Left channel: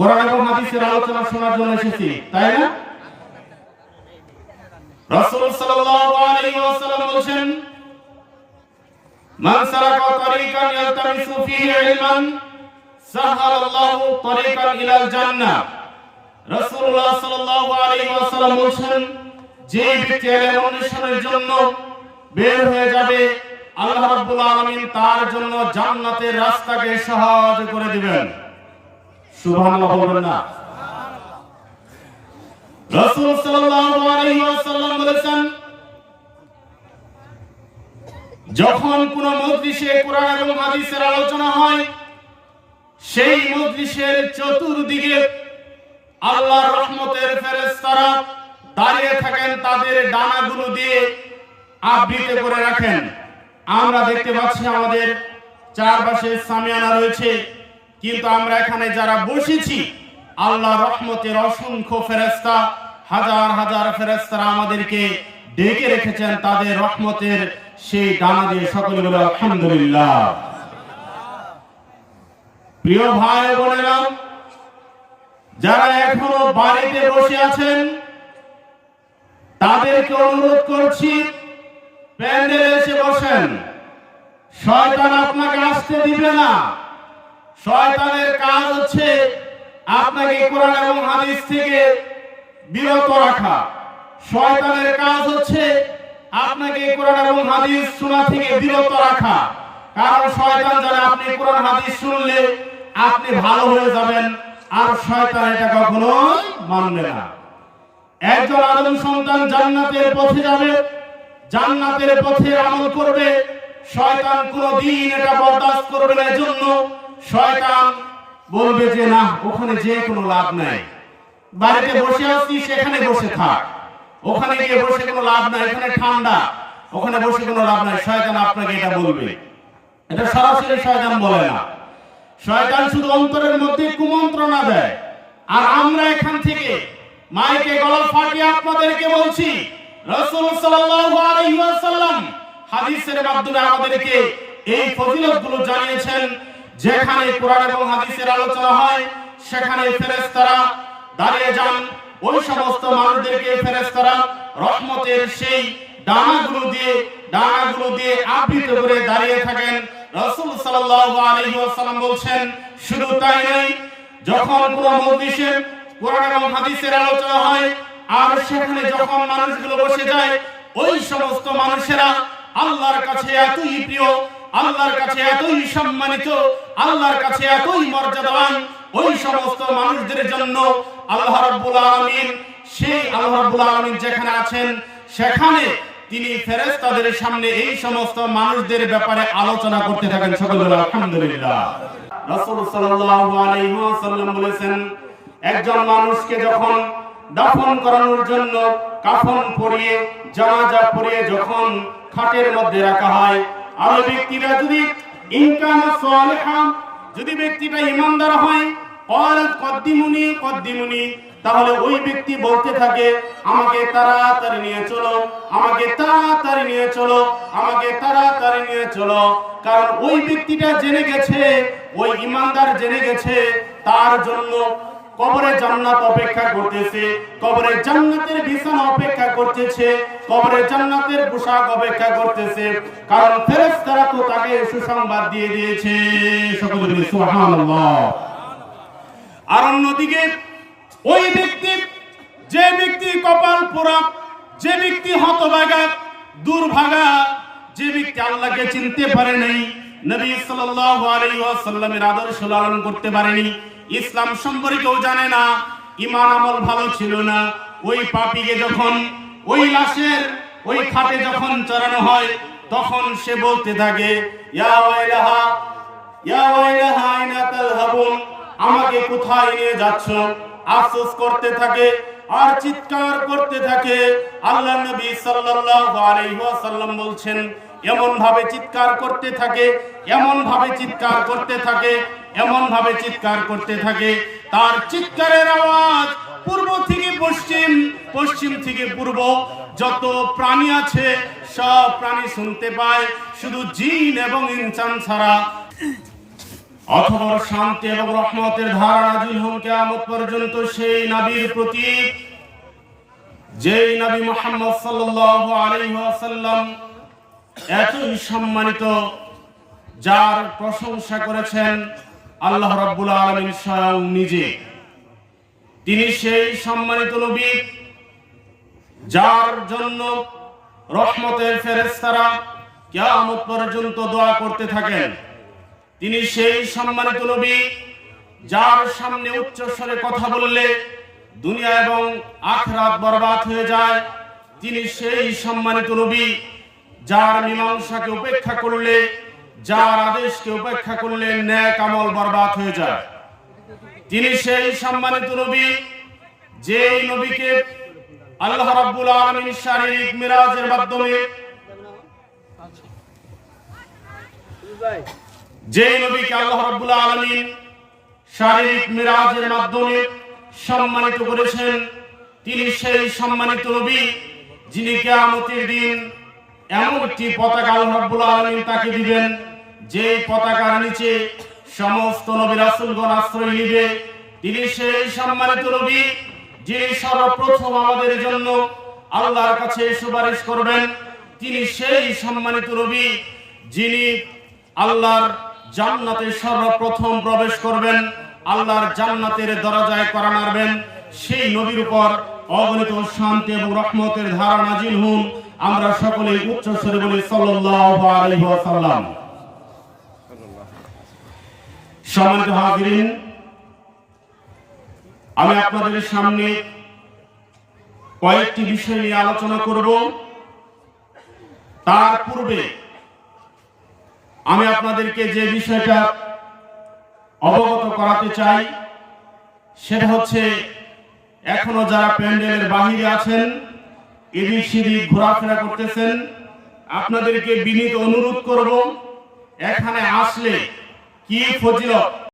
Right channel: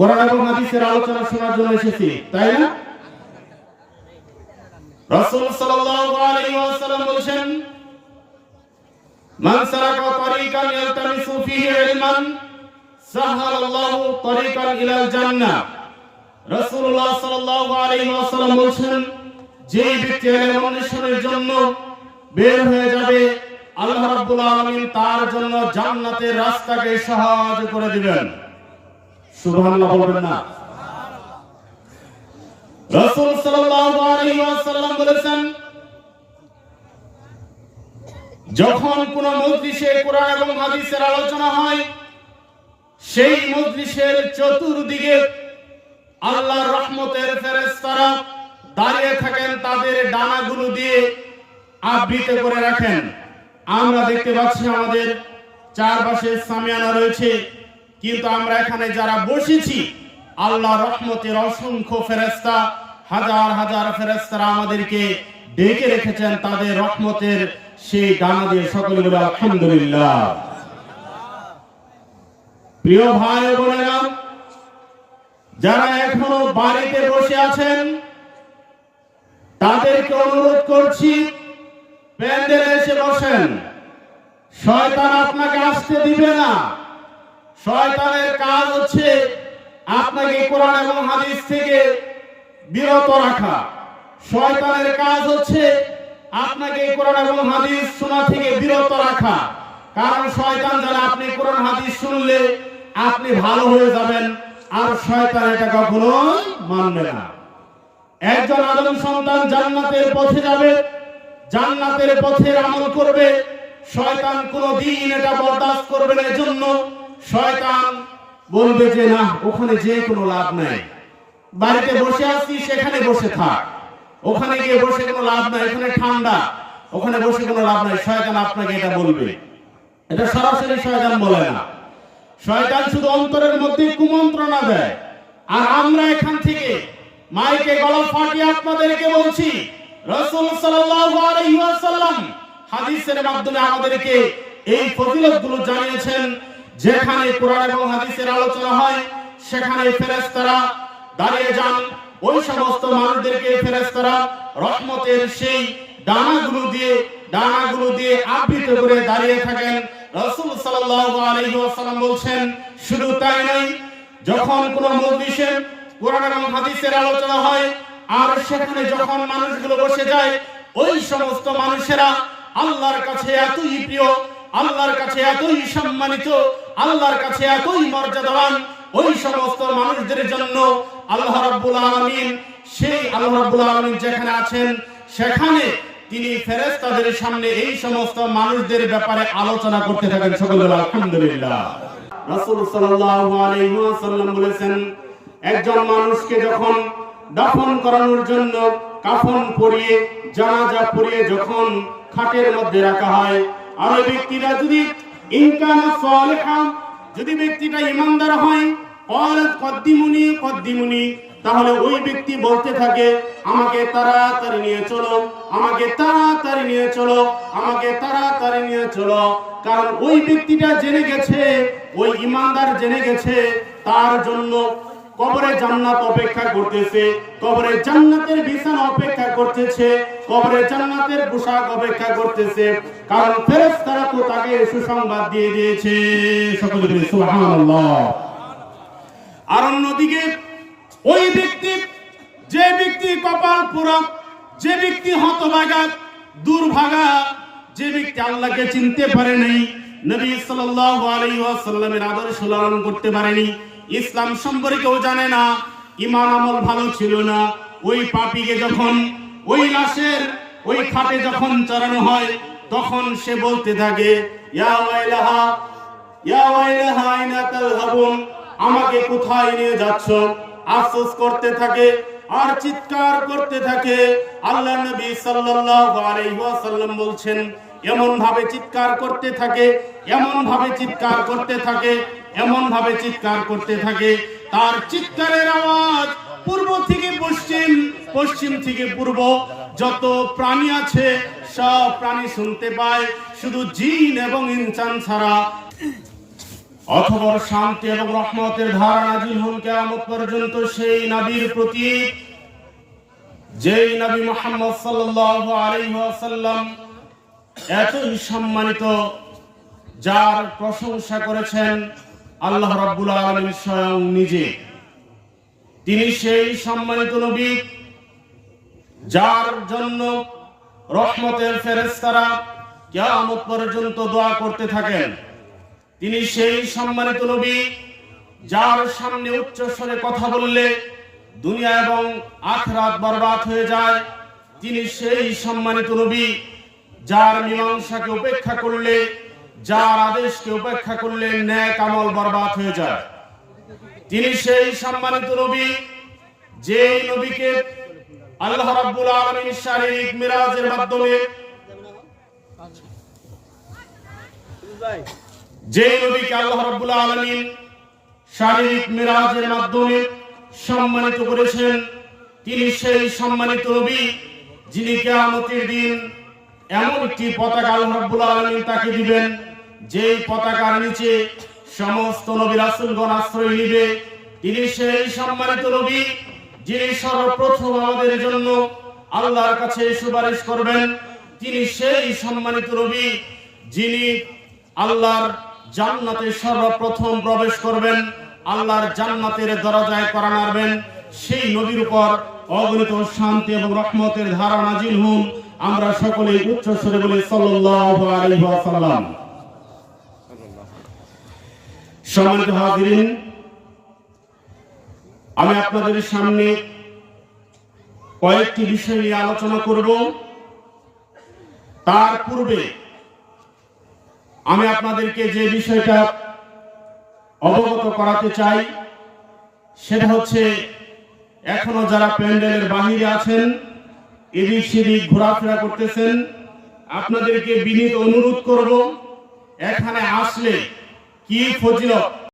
কোরআন এবং হাদিসের আলোচনা শোনার জন্য এসেছি, তাই না? রাসূল সাল্লাল্লাহু আলাইহি ওয়াসাল্লাম মান সারাকা তরিকান ইয়ালতামিসু ফিহি ইলমান, সাহালাল্লাহু তরিকান ইলাল জান্নাহ। রাসূলুল্লাহ সাল্লাল্লাহু আলাইহি ওয়াসাল্লাম যে ব্যক্তি ইলম অন্বেষণের জন্য বের হয়ে যাবে, আল্লাহ রাব্বুল আলামিন তার জন্য জান্নাতের রাস্তাকে সহজ করে দিবেন। সুবহানাল্লাহ বলবেন না। রাসূল সাল্লাল্লাহু আলাইহি ওয়াসাল্লাম বলেছেন যখন কোন মজলিসে কোরআন এবং হাদিসের আলোচনা হয় সেই মজলিসের চতুর্দিকে আল্লাহর রহমতের ফেরেশতারা দাঁড়িয়ে থাকেন তাদের ডানাগুলো দিয়ে আবৃত করে রাখেন। আমরা দেখতে পাচ্ছি আমাদের চারপাশে সামিয়ানা রয়েছে। কিন্তু আমরা এখানে যারা বসেছি, আল্লাহ রহমতের অসংখ্য ফেরেস্তা হাজার হাজার ফেরেস্তারা আমাদেরকে ডেকে রেখেছেন তাদের রহমতের সেই ডানা দিয়ে। সকলে বলে আলহামদুলিল্লাহ। প্রিয় ভাই ও বোনেরা, যারা এখনও বাড়িতে বসে আছেন, তাদেরকে অনুরোধ করছি, প্যান্ডেলে এসে বসেন। শয়তান আপনাকে আসতে দিবে না। শয়তানের কাজ হচ্ছে আপনাকে কোরআন এবং হাদিস থেকে বিরত রাখা। শয়তানের কাজ হচ্ছে আপনাকে কোরআন এবং হাদিস শোনা থেকে বিরত রাখা। কারণ শয়তান জানে আপনি কোরআন, হাদিস শুনলে আপনি ভালো হয়ে যাবেন, আর শয়তান এটা কখনো মানবে না। একজন আদম সন্তান জান্নাতের পথে যাবে, জান্নাতের পথের আমল করবে, শয়তান কোনো দিন এটা বরদাস্ত করবে না। এজন্য শয়তান বলবে যে, না, ওখানে যে কোনো লাভ নাই। বাড়িতে বসে আছি, সেখানে বসে থাক। ওখানে গিয়ে বসে কোনো লাভ নাই এখানে ঠান্ডা। ওখানে বসে কোনো লাভ নাই। শয়তান আপনাকে এটা বলবে। এটা সরাসরি শয়তান বলে না। শয়তান শুধু অন্তরের মধ্যে কুমন্ত্রণা দেয়। আর আমরা এখান থেকে মাইকে গলা ফাটিয়ে আপনাদেরকে বলছি, রসুল ওয়াসাল্লাম হাদিসের মাধ্যমে আমাদেরকে এই ফজিলতগুলো জানিয়েছেন। যেখানে কোরআন এবং হাদিসের আলোচনা হয়, সেখানে ফেরেশতারা দাঁড়িয়ে যান। ওই সমস্ত মানুষদেরকে ফেরেশতারা রহমতের সেই ডানাগুলো দিয়ে ডানাগুলো দিয়ে আবৃত করে দাঁড়িয়ে থাকেন। রসুল আলাইহি বলছেন, শুধু তাই নয়, যখন কোন মজলিসে কোরআন এবং হাদিসের আলোচনা হয়, আর সেখানে যখন মানুষগুলো বসে যায়, ওই সমস্ত মানুষেরা আল্লাহর কাছে এতই প্রিয় আল্লাহর কাছে এতই সম্মানিত, আল্লাহর কাছে এতই মর্যাদাবান ওই সমস্ত মানুষদের জন্য আল্লাহ রাব্বুল আলামিন, সেই আল্লাহ রাব্বুল আলামিন যেখানে আছেন, সেখানে তিনি ফেরেশতাদের সামনে এই সমস্ত মানুষদের ব্যাপারে আলোচনা করতে থাকেন। সকল আলহামদুলিল্লাহ। রাসূল সাল্লাল্লাহু আলাইহি ওয়াসাল্লাম বলেছেন, একজন মানুষকে যখন দাফন করানোর জন্য কাফন পরিয়ে, জানাজা পরিয়ে যখন খাটের মধ্যে রাখা হয় আর ওই ব্যক্তিরা যদি সালিহা যদি ব্যক্তিটা ইমানদার হয় তাহলে ওই ব্যক্তি বলতে থাকে, আমাকে তাড়াতাড়ি নিয়ে চলো, আমাকে তাড়াতাড়ি নিয়ে চলো, আমাকে তাড়াতাড়ি নিয়ে চলো। কারণ ওই ব্যক্তিটা জেনে গেছে, ওই ইমানদার জেনে গেছে, তার জন্য কবরে জান্নাত অপেক্ষা করতেছে, কবরে জান্নাতের বিছানা অপেক্ষা করতেছে, কবরে জান্নাতের পোশাক অপেক্ষা করতেছে। কারণ ফেরেশতারা তো তাকে সুসংবাদ দিয়ে দিয়েছে। সকলে বলি, সুবহানাল্লাহ। আর অন্যদিকে, ওই ব্যক্তি, যে ব্যক্তি কপাল পোড়া, যে ব্যক্তি হতভাগা, দুর্ভাগা, যে ব্যক্তি আল্লাহকে চিনতে পারে নাই, নবী সাল্লাল্লাহু আলাইহি ওয়াসাল্লামের আদর্শ লালন করতে পারেনি ইসলাম সম্পর্কেও জানে না, ইমান আমল ভালো ছিল না। ওই পাপীকে যখন, ওই লাশের, ওই খাটে যখন চড়ানো হয়, তখন সে বলতে থাকে আমাকে কোথায় নিয়ে যাচ্ছ? আফসোস করতে থাকে, আর চিৎকার করতে থাকে। আল্লাহ নবী ওয়াসাল্লাম বলছেন এমন ভাবে চিৎকার করতে থাকে এমন ভাবে চিৎকার করতে থাকে এমন ভাবে চিৎকার করতে থাকে। তার চিৎকারের আওয়াজ পূর্ব থেকে পশ্চিম পশ্চিম থেকে পূর্ব। যত প্রাণী আছে, সব প্রাণী শুনতে পায়। শুধু জিন এবং ইনসান ছাড়া। অথবর শান্তি এবং রহমতের ধারা নাজিল হন কেয়ামত পর্যন্ত সেই নবীর প্রতি। যেই নবী মোহাম্মদ সাল্লাল্লাহু আলাইহি ওয়াসাল্লাম এতই সম্মানিত, যার প্রশংসা করেছেন আল্লাহ রাব্বুল আলামিন স্বয়ং নিজে। তিনি সেই সম্মানিত নবী যার জন্য রহমতের ফেরেশতারা কিয়ামত পর্যন্ত দোয়া করতে থাকেন। তিনি সেই সম্মানিত নবী যার সামনে উচ্চ স্বরে কথা বললে দুনিয়া এবং আখরাত বরবাদ হয়ে যায়। তিনি সেই সম্মানিত নবী যার মীমাংসাকে উপেক্ষা করলে যার আদেশকে উপেক্ষা করলে ন্যায় কামল বরবাদ হয়ে যায়। তিনি সেই সম্মানিত নবী, যেই নবীকে আল্লাহ রাব্বুল আলামিন শারীরিক মিরাজের মাধ্যমে যেই নবীকে আল্লাহ রাব্বুল আলামিন শারীরিক মিরাজের মাধ্যমে সম্মানিত করেছেন, তিনি সেই সম্মানিত নবী যিনি কিয়ামতের দিন এমন একটি পতাকা আল্লাহ রাব্বুল আলামিন তাকে দিবেন। যেই পতাকার নিচে সমস্ত নবী রাসূলগণ আশ্রয় নিবে, তিনি সেই সম্মানিত নবী যিনি সর্বপ্রথম আমাদের জন্য আল্লাহর কাছে সুপারিশ করবেন। তিনি সেই সম্মানিত নবী যিনি আল্লাহর জান্নাতে সর্বপ্রথম প্রবেশ করবেন, আল্লাহর জান্নাতের দরজায় করা নাড়বেন। সেই নবীর উপর অগণিত শান্তি এবং রহমতের ধারা নাজিল হুন। আমরা সকলে উচ্চ স্বরে বলি ওয়াসাল্লাম। সম্মানিত হাজিরিন, আমি আপনাদের সামনে কয়েকটি বিষয় নিয়ে আলোচনা করব। তার পূর্বে আমি আপনাদেরকে যে বিষয়টা অবগত করাতে চাই, সেটা হচ্ছে এখনও যারা প্যান্ডেলের বাহিরে আছেন, এদিক সেদিক ঘোরাফেরা করতেছেন, আপনাদেরকে বিনীত অনুরোধ করব, এখানে আসলে কি ফজিলত